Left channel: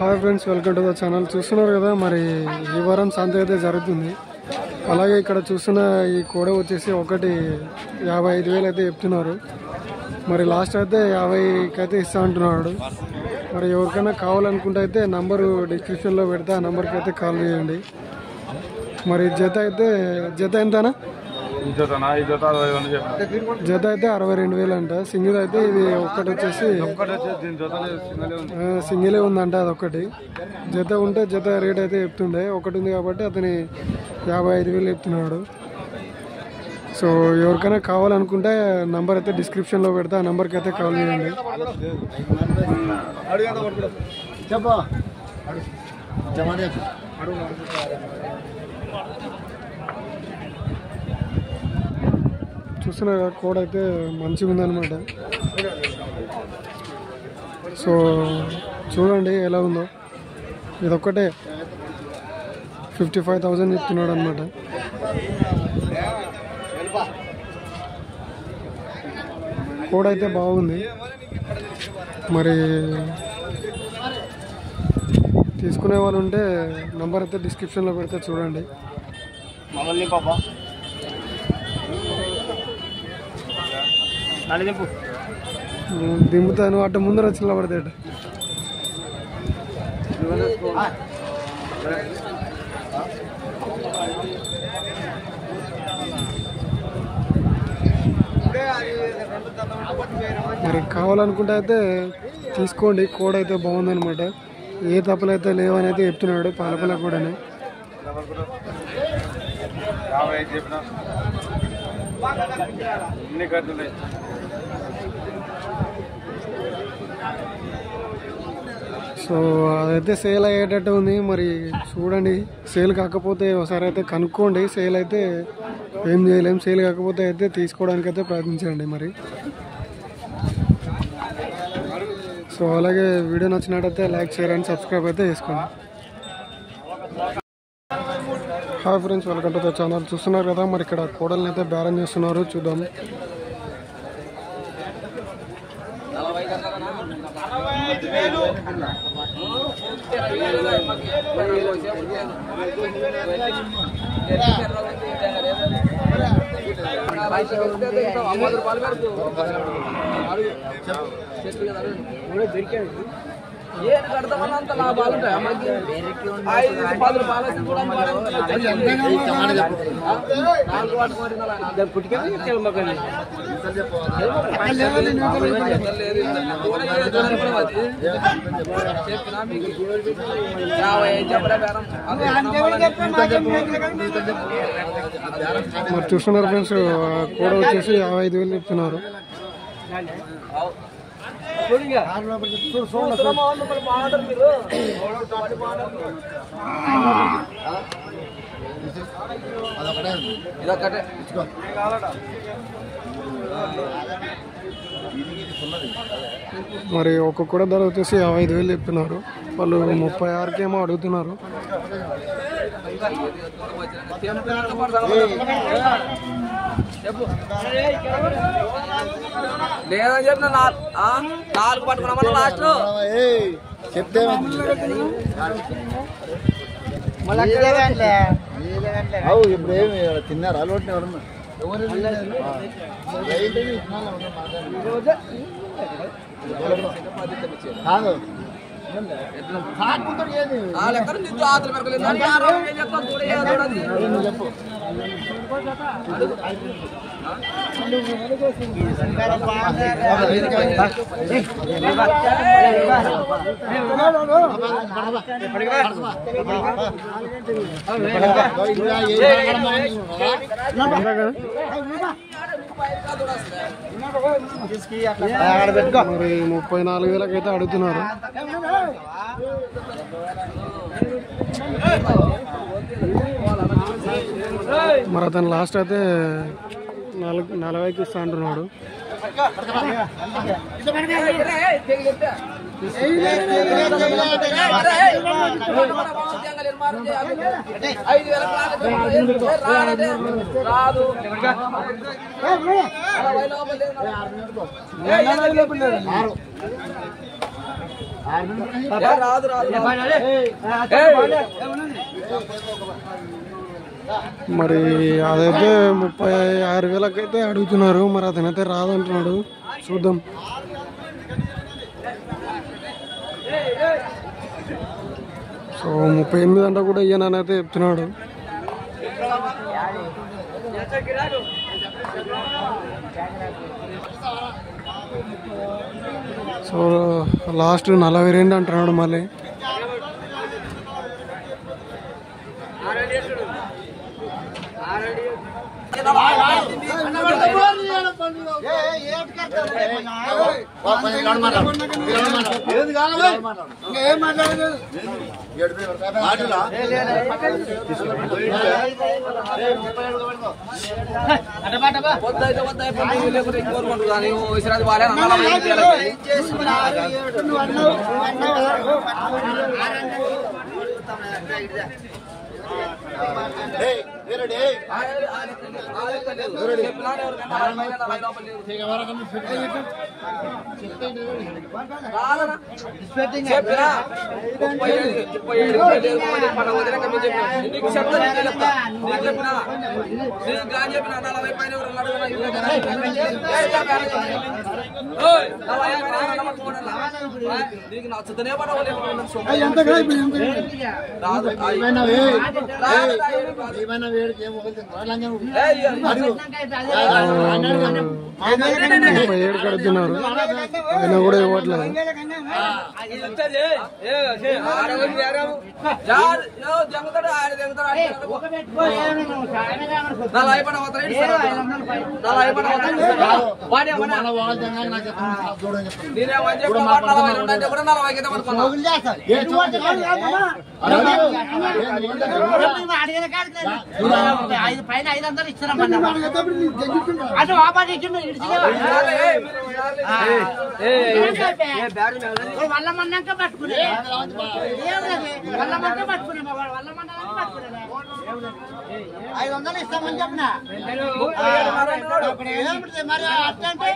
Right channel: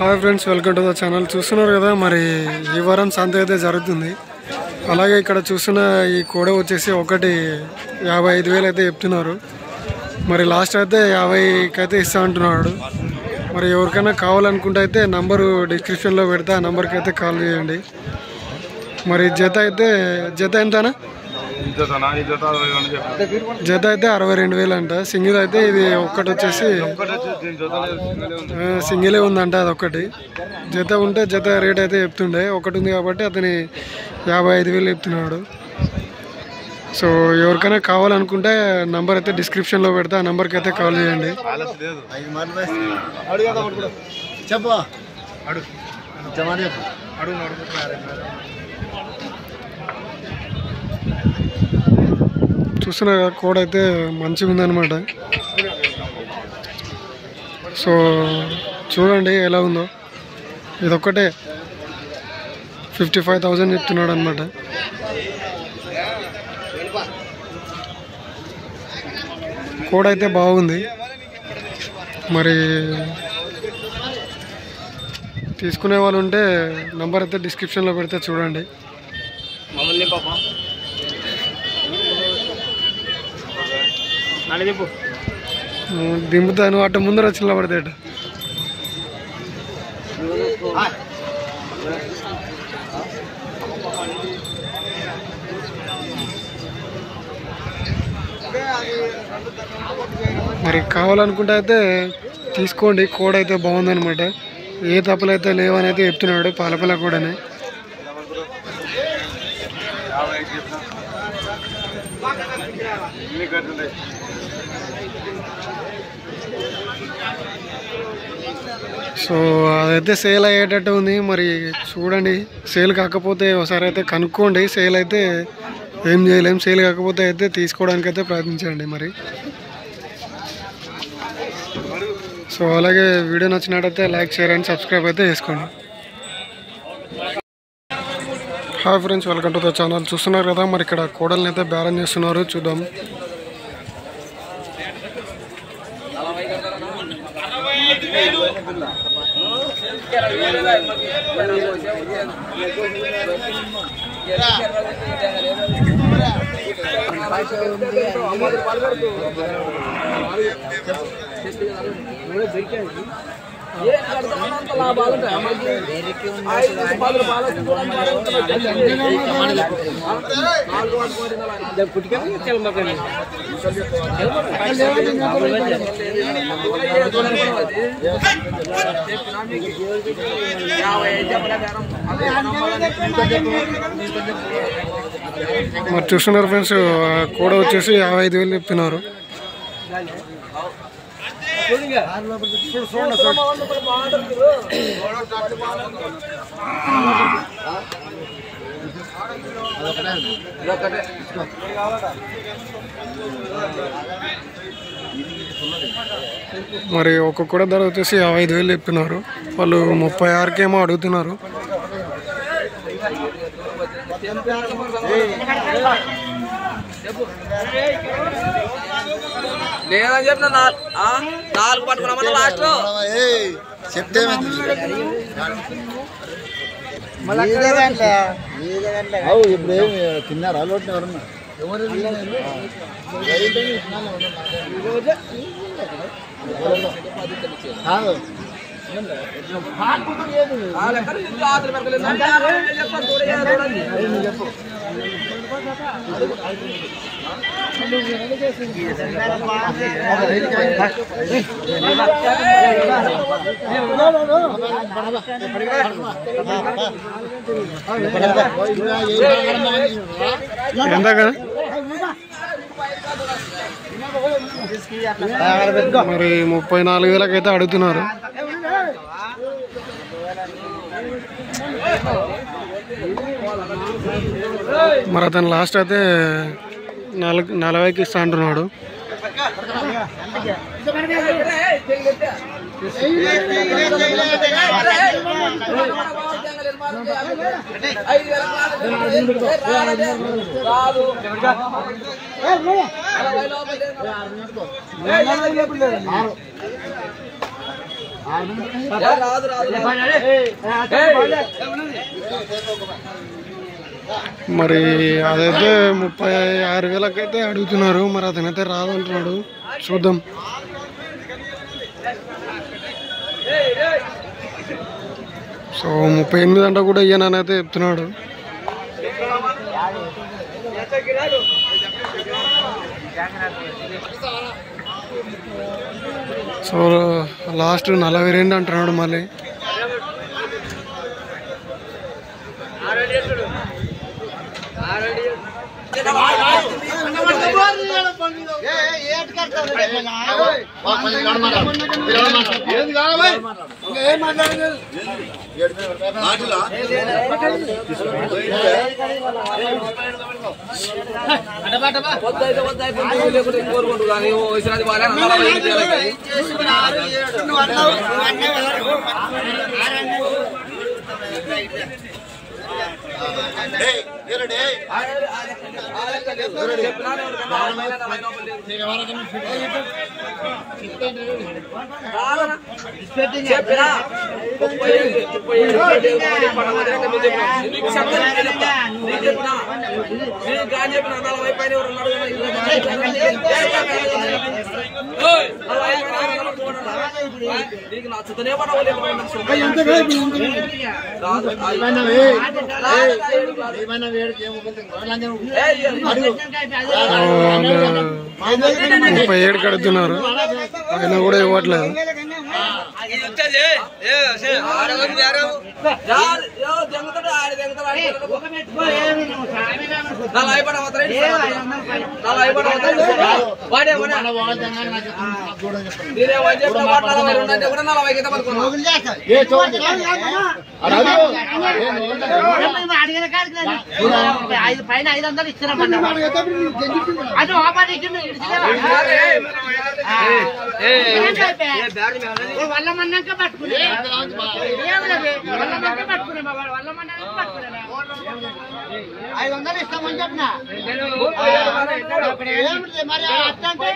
Hi friends, welcome to the channel. చూస్తున్నారు కదా, మరి ఈ వారం సంత అయితే జరుగుతుంది. అలాగే ఇక్కడ చూస్తున్న ఈ కోడ వచ్చేసి ఒకటి 55,000 అయితే చెప్తున్నారు. మరి లాస్ట్ అయితే 50కి అయితే ఇస్తా అంటున్నాడు. మరి ఎవరికైనా కావాలనుకుంటే అయితే నంబరు డిస్క్రిప్షన్లో పెడితే ఆ నెంబర్కి అయితే కాల్ చేయండి. మరి జత ఎంతనా? జత అయితే 62,000 అంట. సింగిల్ అయితే ఇది ఒక్కటి వచ్చేసి సింగిలే ఉందంట. అదొక్కటి జత ఉంటే జత రేట్ అయితే చెప్తుండే. ఒకటి ఉంది కాబట్టి అతని 55,000 చెప్తున్నాడు. సో ఎవరికైనా కావాలనుకుంటే నంబర్ అయితే డిస్క్రిప్షన్లో పెడితే ఆ నెంబర్కి అయితే కాల్ చేయండి. చూస్తున్నా కోడ్ అయితే మంచిగా ఉందన్నమాట. సో చూడండి ఎలా ఉందో. ఇదొక్కటే 55,000 చెప్తున్నాడు అనమాట. కోడ్ అయితే బాగుంది. మరి తీసుకునే వాళ్ళు ఉంటే నంబర్ అయితే డిస్క్రిప్షన్లో పెడితే చూడండి. దింపుతాను అట్ట ముందర వచ్చి నిలబడతాడు. మరి కావాలనుకుంటే అయితే తీసుకోండి. కోడ్ అయితే బాగుందనమాట. ఏ తప్పులు అయితే లేవని అయితే చెప్తున్నాడు. పాలపల్ల కూడానే. సో అదైతే సేల్ అయ్యేటట్టు ఉంది. మరి చూడండి, సేల్ కాకపోతే ఒకసారి అయితే కనుక్కోండి. సేల్ అయితే ఏం చేయలేం. సేల్ కాకపోతే అయితే తీసుకోవడానికి అయితే ప్రయత్నించండి. మరి సో అలాగే వీడియో నచ్చినట్టయితే లైక్, షేర్ అండ్ సబ్స్క్రైబ్ అయితే చేసుకోండి. Hi friends, welcome to the channel. చూస్తున్నారు కదా, మరి ఇక్కడ కోడల్ని అయితే బేరం చేస్తున్నారు. చూద్దాం. లాభాలు మరి చూస్తున్నారు ఫ్రెండ్స్, కూడా వచ్చేసి 55,000 చెప్తున్నారు. మరి ఒక్కొక్క ధర వచ్చేసి 55,000 చెప్తున్నారు. వాళ్ళు 36,000 ఏమో అడుగుతున్నారు. లేదని చెప్పిన 4 పట్టుకున్నామని లాస్ట్ చెప్తే ఇప్పుడు ఏమి తిన్నారా? అలవాటు ఎవరన్నా ఎంత కదా? మరి 34,000 అయితే అడుగుతున్నారు. మరి అతను లాస్ట్ అయితే 40,000కి ఇస్తా అంటున్నాడు. మరి అదైతే 36,000 అయితే అడుగుతున్నారు. మరి అతనైతే రాదంటున్నాడు. చూద్దాం. సో 38 అంటే కూడా ఇయ్యనని అయితే చెప్తున్నాడు. సో లాస్ట్ 42 అంటున్నాడు. మళ్ళీ ఏమైనా వేడికి 37 కడుతున్నారు. ఆయన కూడా ఇవ్వట్లేదు. పైన 500 ఇచ్చినామన్నా అది వల్లమన్నాక పట్టుకునే వల్లమన్నాక పట్టుకునే వల్లమన్నా పట్టుకునే 500 ఇస్తామని చెప్పిన మరి అట్టంటే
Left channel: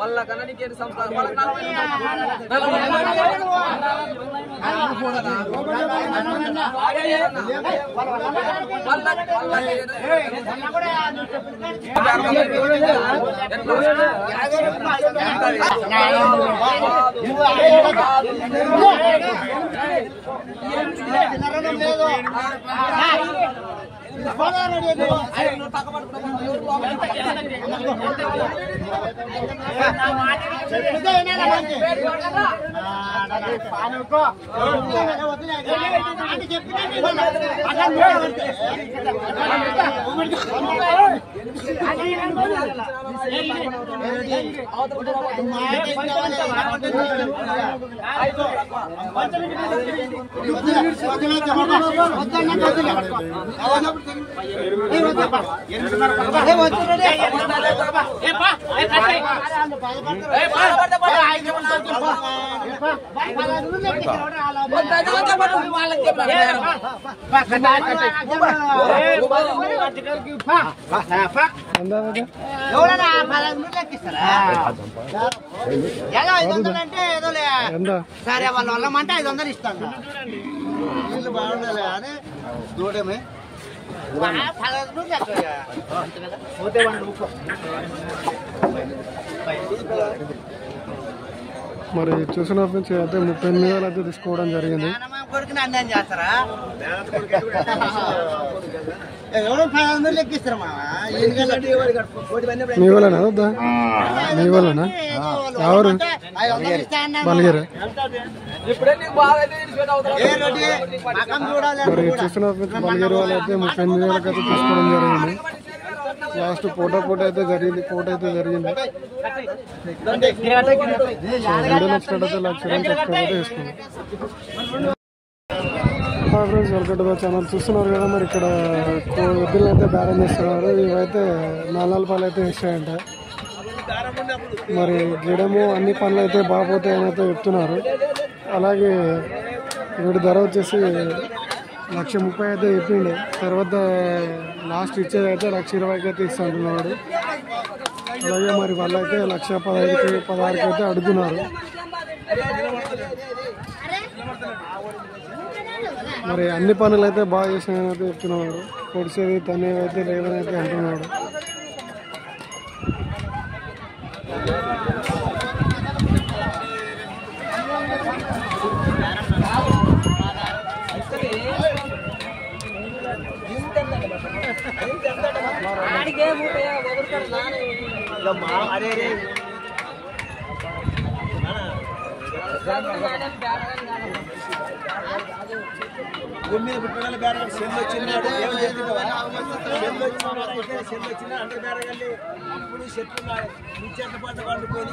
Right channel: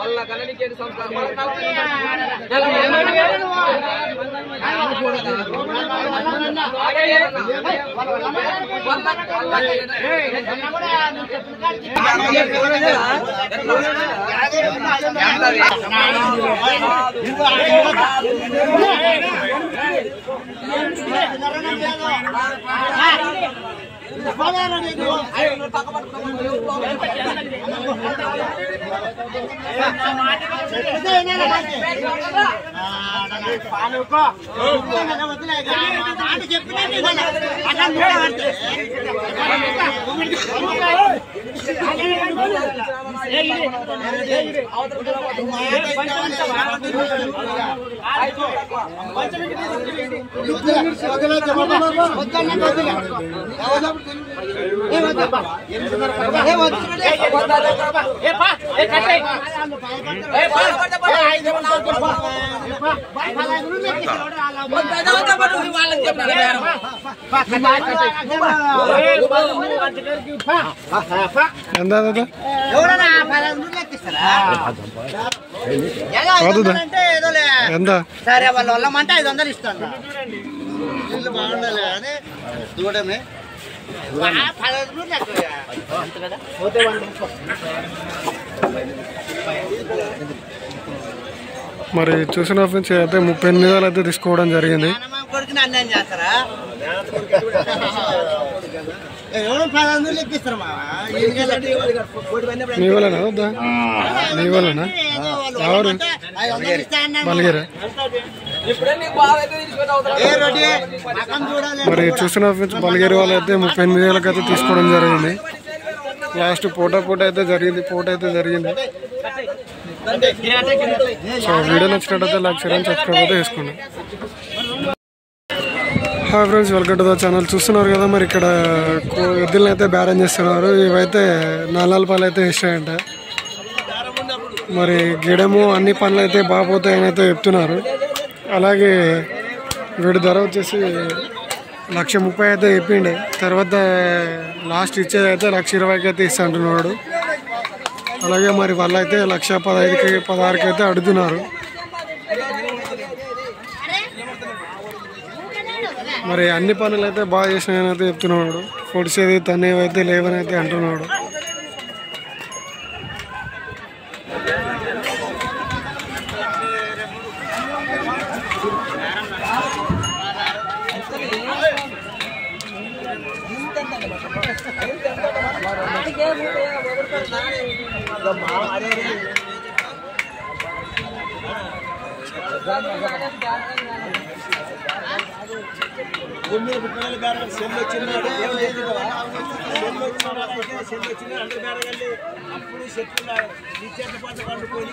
వాళ్ళ కన్నడికి సంస్కారం సరే వాళ్ళ వల్లమంటే 500 ఇస్తాను దూడమే మరి చూసిన ఫ్రెండ్స్ అయితే 38,000 అయితే తీసుకోవడం జరిగింది. మీ వాళ్ళనా వద్దా? మీ వాళ్ళనా? ఎవరు? బలిగేరా? మరి చూసిన ఫ్రెండ్స్ బలిగేరి వాళ్ళు అయితే 38,000 అయితే తీసుకోవడం జరిగింది. లాస్ట్ పోటా అయితే జరిగింది. సో వీడియో నచ్చినట్టయితే లైక్ షేర్ అండ్ సబ్స్క్రైబ్ అయితే చేసుకోండి. Hi friends, welcome to the channel. చూస్తున్నారు కదా, మరి ఇక్కడ ఎద్దులను అయితే బేరం చేస్తున్నారు. ఇవైతే 4 పాలు అయితే ఇస్తాయంట. మరి గిడము అన్ని పనులు అయితే బాగుపోతాయని అయితే చెప్తున్నారు. అలాగే వీడి ధర వచ్చేసి 1,30,000 అయితే చెప్పిండే. తర్వాత లాస్ట్ ఇచ్చేది అయితే 1,20,000 అయితే ఇస్తా అంటున్నాడు. అలాగే మరి వాళ్ళైతే 1,15,000 16,000 అయితే అడుగుతున్నారు. మరి అన్ని పనులు అయితే బాగా చేసినాయని అయితే చెప్తున్నాడు. పొడిసేది తనేవి అయితే లేవని అయితే అంటున్నాడు. అప్పుడు చెట్లు పంట పండుకొని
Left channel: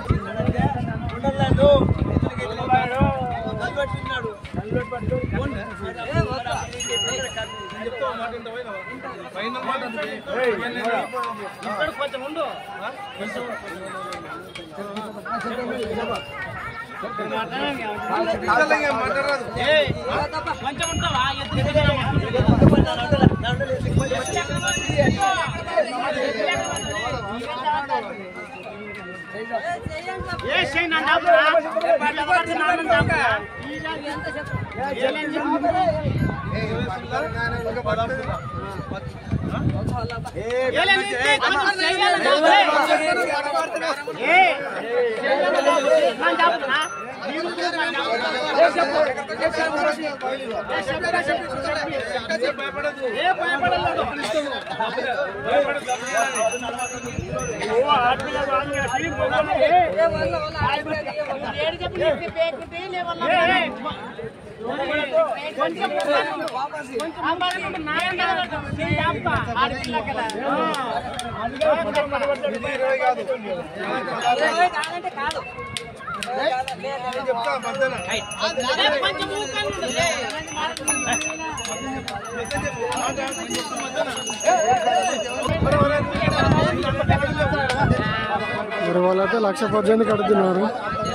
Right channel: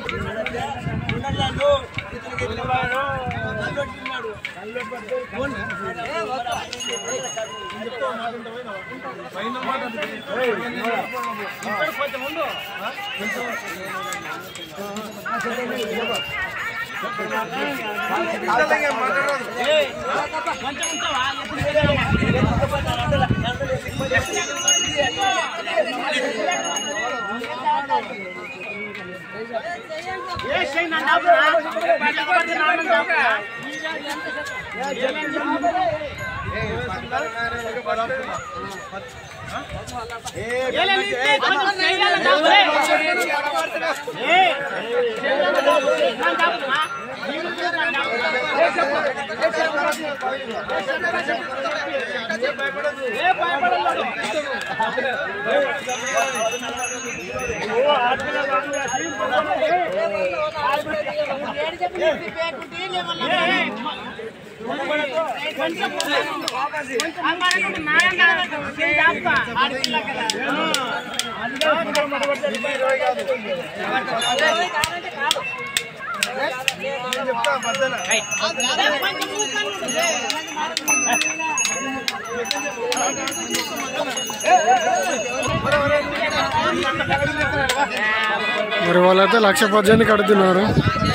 మరి వాళ్ళైతే 1,18,000 అడుగుతున్నారు.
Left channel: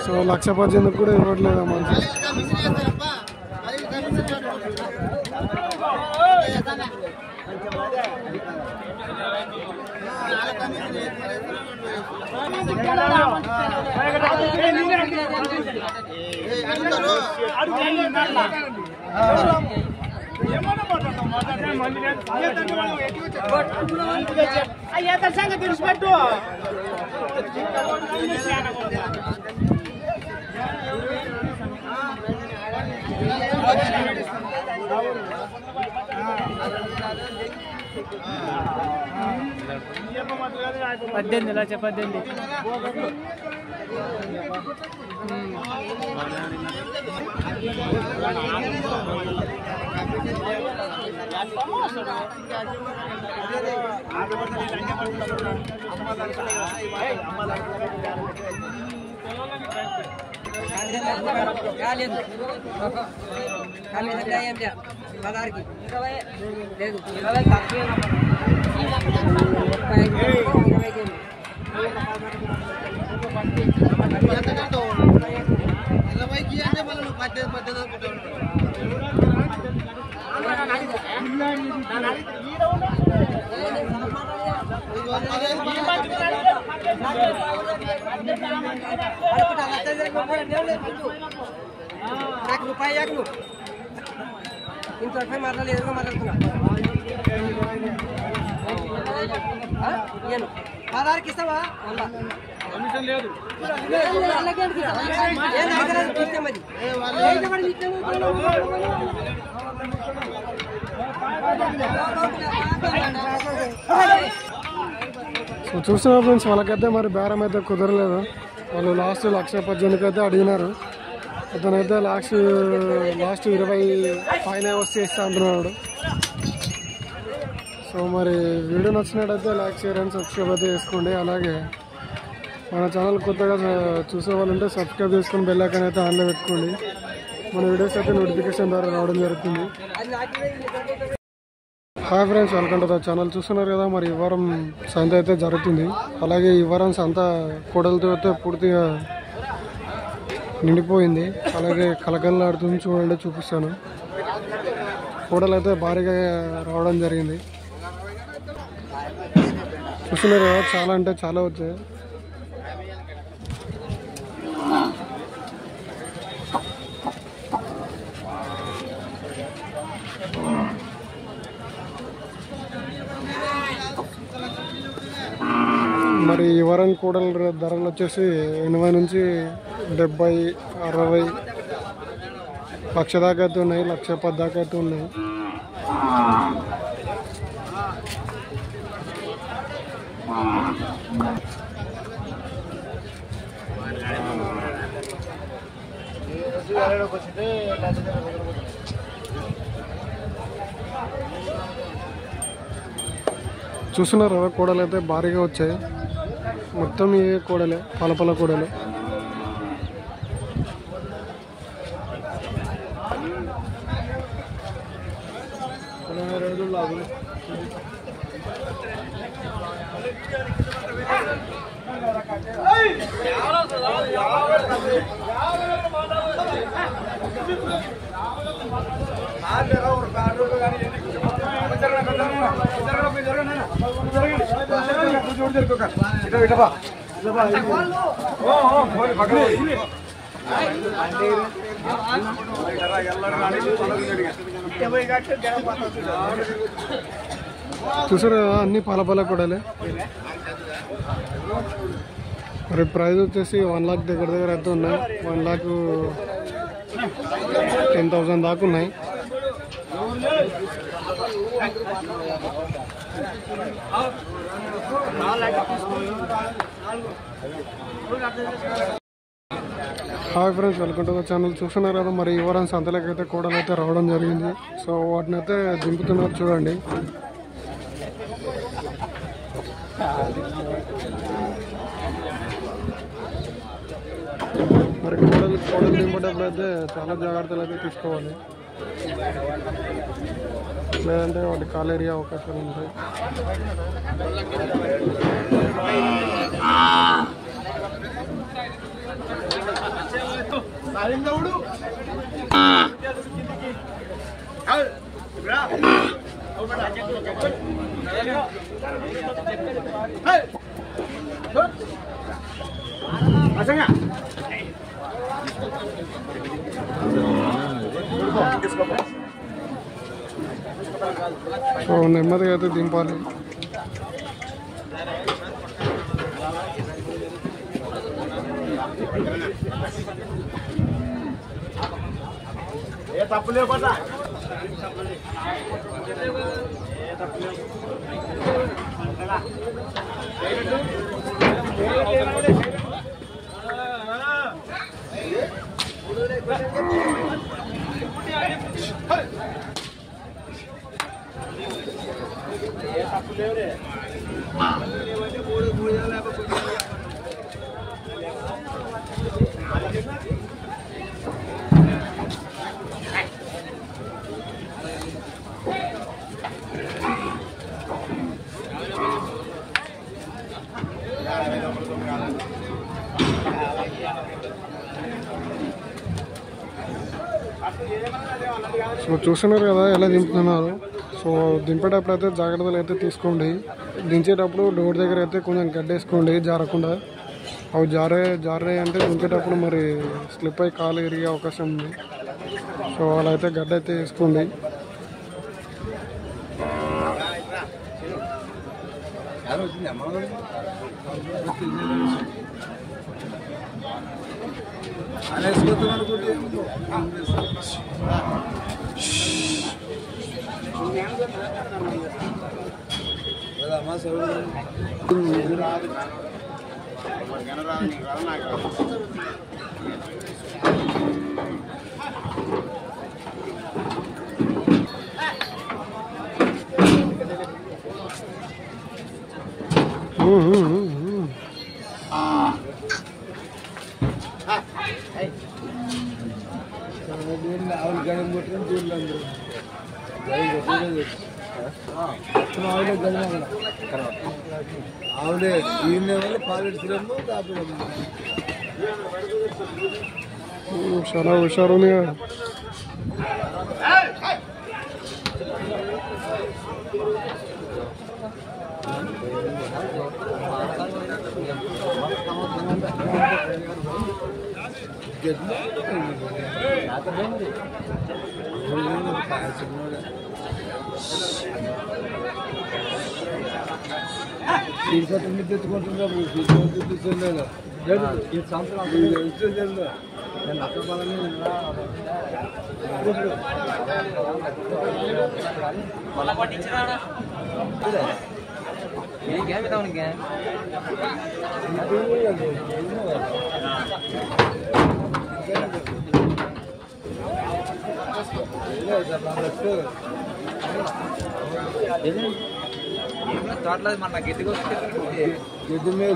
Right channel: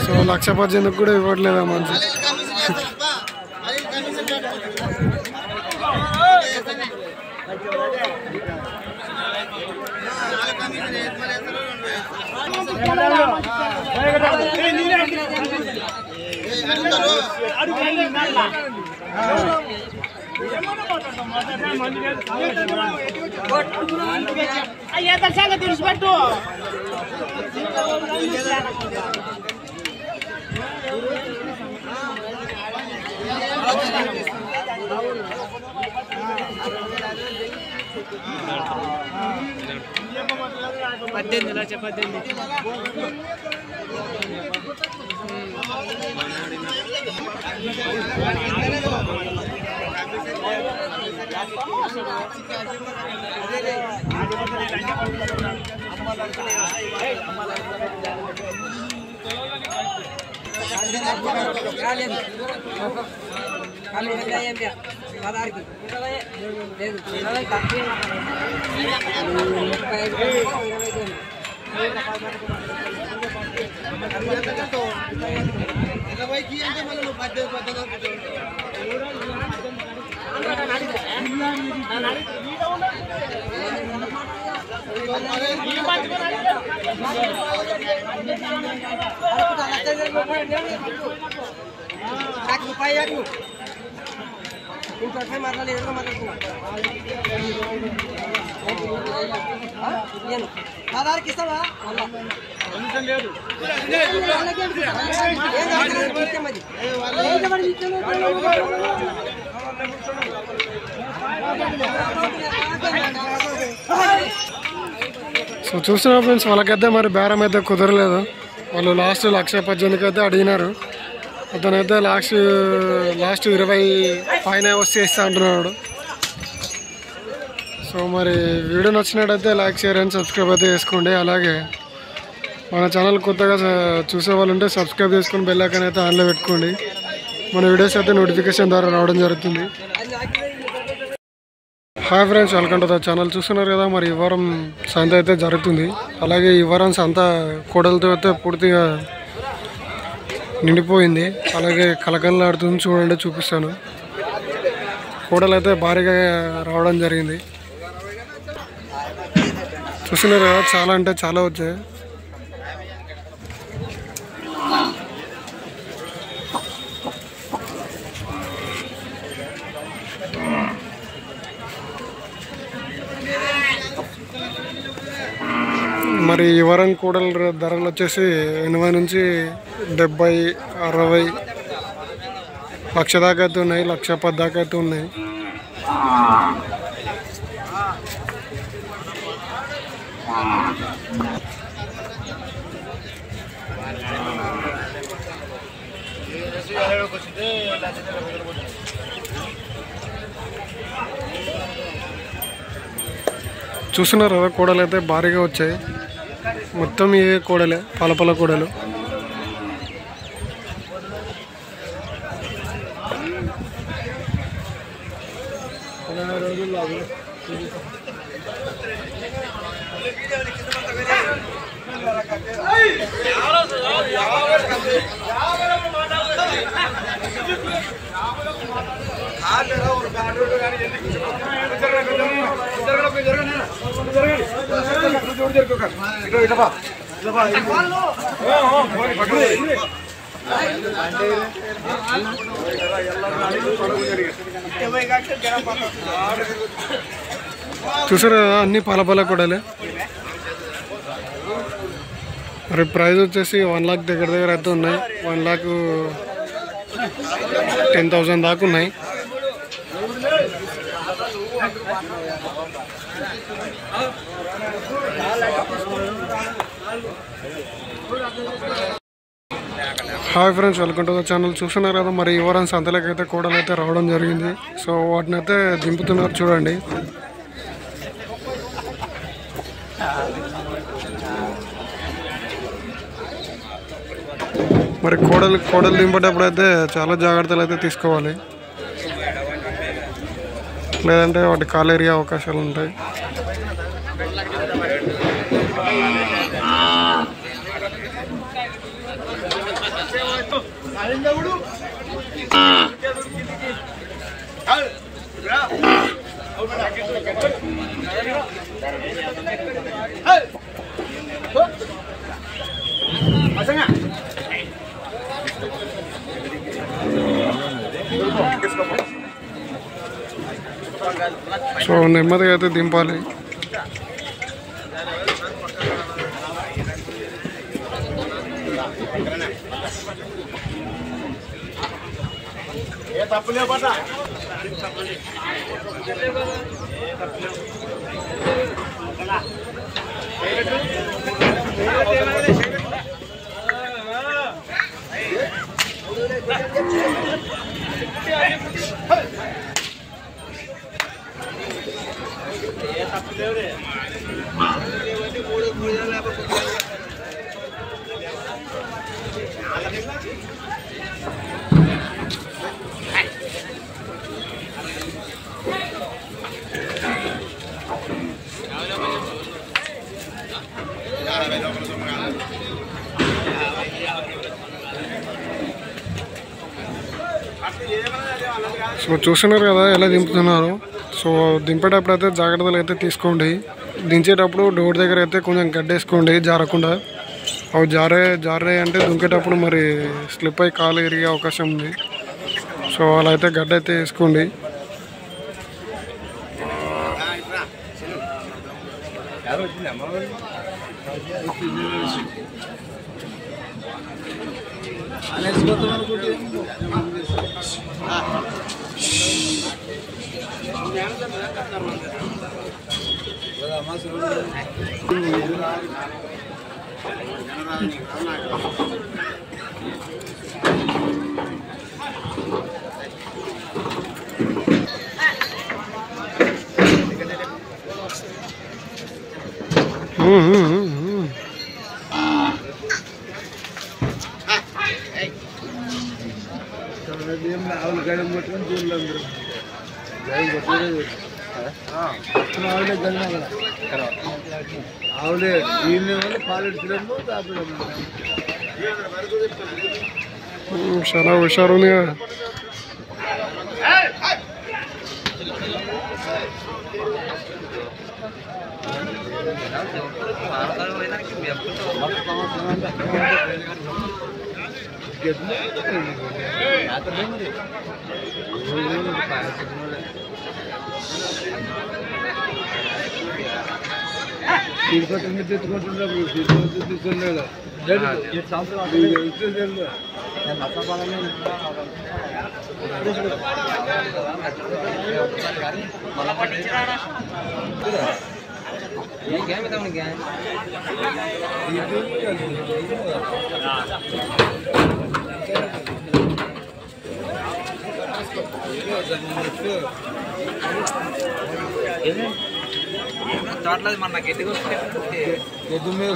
సో 1,18,000 కూడా ఇవ్వట్లేదు మంచి. తెలిసిపెట్టు సో చూస్తున్నారు ఫ్రెండ్స్, వాళ్ళకైతే మరి బేరం అయితే కుదరలేదు. వాళ్ళు లాస్ట్ 1,18,000 అయితే అడిగినారు. అతనైతే లాస్ట్ 20 పైన వస్తే ఇస్తా అంటున్నాడు. సో మరి వీడియో నచ్చినట్టయితే లైక్, షేర్ అండ్ సబ్స్క్రైబ్ అయితే చేసుకోండి. అలాగే మన ఛానల్ కొత్తగా చూసే వాళ్ళు ఉంటే సబ్స్క్రైబ్ చేసుకొని బెల్ ఐకాన్ అయితే ఆన్లో పెట్టుకోండి. మన వీడియోస్ అయితే నోటిఫికేషన్ ద్వారా రావడం జరుగుతుంది. Hi friends, welcome to the channel. చూస్తున్నారు కదా, మరి ఈ వారం సంత అయితే జరుగుతుంది. అలాగే ఈ వారం సంత కోడలతో అయితే పూర్తిగా నిండిపోయింది. అలాగే కలకలలాడుతుంది. చూడండి, చూపిస్తాను. కోడలు అయితే భారీగా రావడం జరిగింది. చూస్తున్నారు కదా, చాలా అంటే చాలా వచ్చాయి. మరి ఈ వారం కూడల ధరలు వచ్చేసి 80 నుంచి 70, 60, లక్ష దాకా అయితే ఉన్నాయి, 1,10,000 దాకా అయితే ఉన్నాయి. చూస్తున్నారు కదా, కోడలు అయితే భారీగా వచ్చాయి. మొత్తం ఇవే కోడలే, పలపల కోడలు. చూసారు కదా, అన్ని పలపల కూడలే. మరి ప్రైస్ వచ్చేసి 1 lakh దగ్గర అయితే ఉన్నాయి. 1,10,000 దాకా ఉన్నాయి. Hi friends, welcome to the channel. చూస్తున్నారు కదా, మరి ఈ వారం సంతలోకి అయితే కోడలు అయితే రావడం జరిగింది. సో వాటిని అయితే దింపుతున్నారు చూడండి. మరి కోడలు దింపేటప్పుడు అయితే చాలా జాగ్రత్తలు అయితే తీసుకోవాలి, లేదంటే వాటి కాలేరియా అవకాశాలు ఉంటాయి. సో నెమ్మదిగా అయితే దింపాలి. సో చూస్తున్నారు కదా ఎలా దింపుతున్నారు. సో దింపేటప్పుడు అయితే జాగ్రత్తలు అయితే తీసుకోండి. దించేటప్పుడు డోర్ దగ్గర అయితే కొంచెం గడ్డేసుకోండి జారకుండా. అవి జారే అంటే దుంకేటప్పుడు మరి స్లిప్ అయి కాలు ఇరిగే అవకాశం ఉంది. సో అలా అయితే గడ్డ అయితే వేసుకోండి. ఆవులు గడం కొట్టుకొని చూడలే అందరూ ఆవులే గడిమ ఆవులే ఈయన వల్ల పాలెడుతులేమో తాపడము చాలా హుషారు ఉంది కదా. తిరుపతి మీద తెచ్చుకుంటున్నారు తిరుపతి తీసుకెళ్ళలేదు తోటలో మన గడ్డికి గడ్డి మీద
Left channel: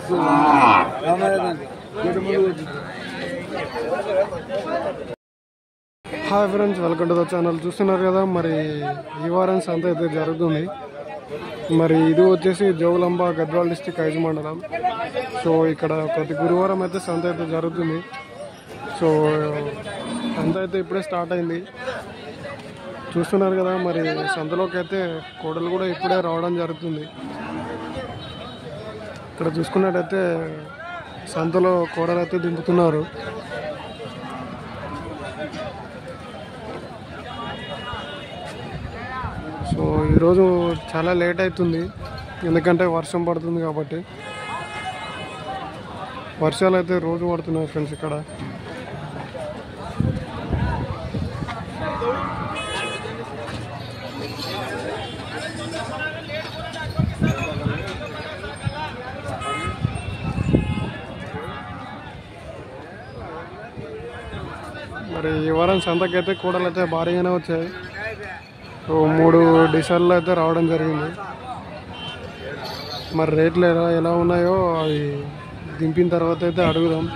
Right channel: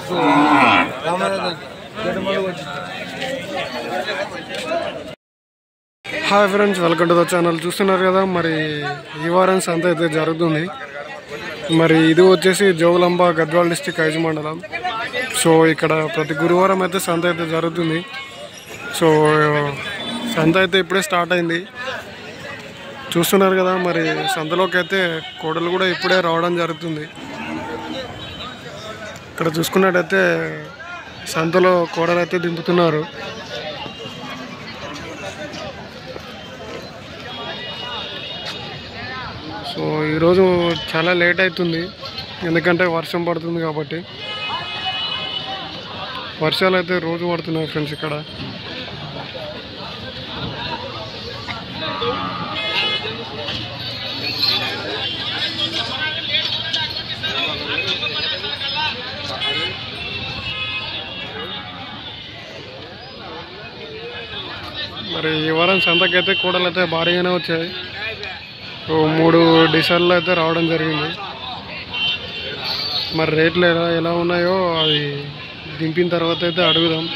hi friends, welcome to the channel. చూస్తున్నారు కదా, మరి ఈ వారం సంత అయితే జరుగుతుంది. మరి ఇది వచ్చేసి జోగులాంబ గద్వాల్ డిస్టిక్ ఐజు మండలం. సో ఇక్కడ ప్రతి గురువారం అయితే సంత అయితే జరుగుతుంది. సో సంత అయితే ఇప్పుడే స్టార్ట్ అయింది. చూస్తున్నారు కదా, మరి సంతలోకి అయితే కోడలు కూడా ఇప్పుడే రావడం జరుగుతుంది. ఇక్కడ చూసుకున్నట్టయితే సంతలో కోడలు అయితే దింపుతున్నారు. సో ఈరోజు చాలా లేట్ అవుతుంది, ఎందుకంటే వర్షం పడుతుంది కాబట్టి. వర్షాలు అయితే రోజు పడుతున్నాయి ఫ్రెండ్స్ ఇక్కడ. మరి ఈ వారం సంతకైతే కూడలు అయితే భారీగానే వచ్చాయి. సో 3 డిసెంబర్లో అయితే రావడం జరిగింది. మరి రేట్లు ఎలా ఉన్నాయో అది దింపిన తర్వాత అయితే అడుగుదాం.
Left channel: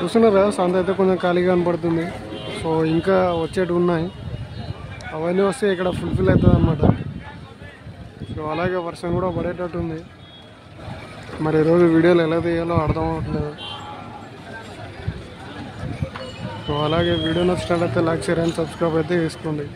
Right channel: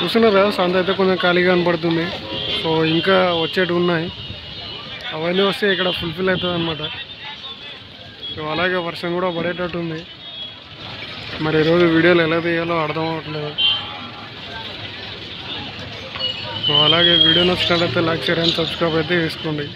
చూస్తున్నారు కదా, సంత అయితే కొంచెం ఖాళీగా కనపడుతుంది. సో ఇంకా వచ్చేటివి ఉన్నాయి, అవన్నీ వస్తే ఇక్కడ ఫుల్ఫిల్ అవుతుంది అన్నమాట. సో అలాగే వర్షం కూడా పడేటట్టు ఉంది. మరి ఈరోజు వీడియోలు ఎలా తీయాలో అర్థం అవ్వట్లేదు. సో అలాగే వీడియో నచ్చినట్లయితే లైక్, షేర్ అండ్ సబ్స్క్రైబ్ అయితే చేసుకోండి.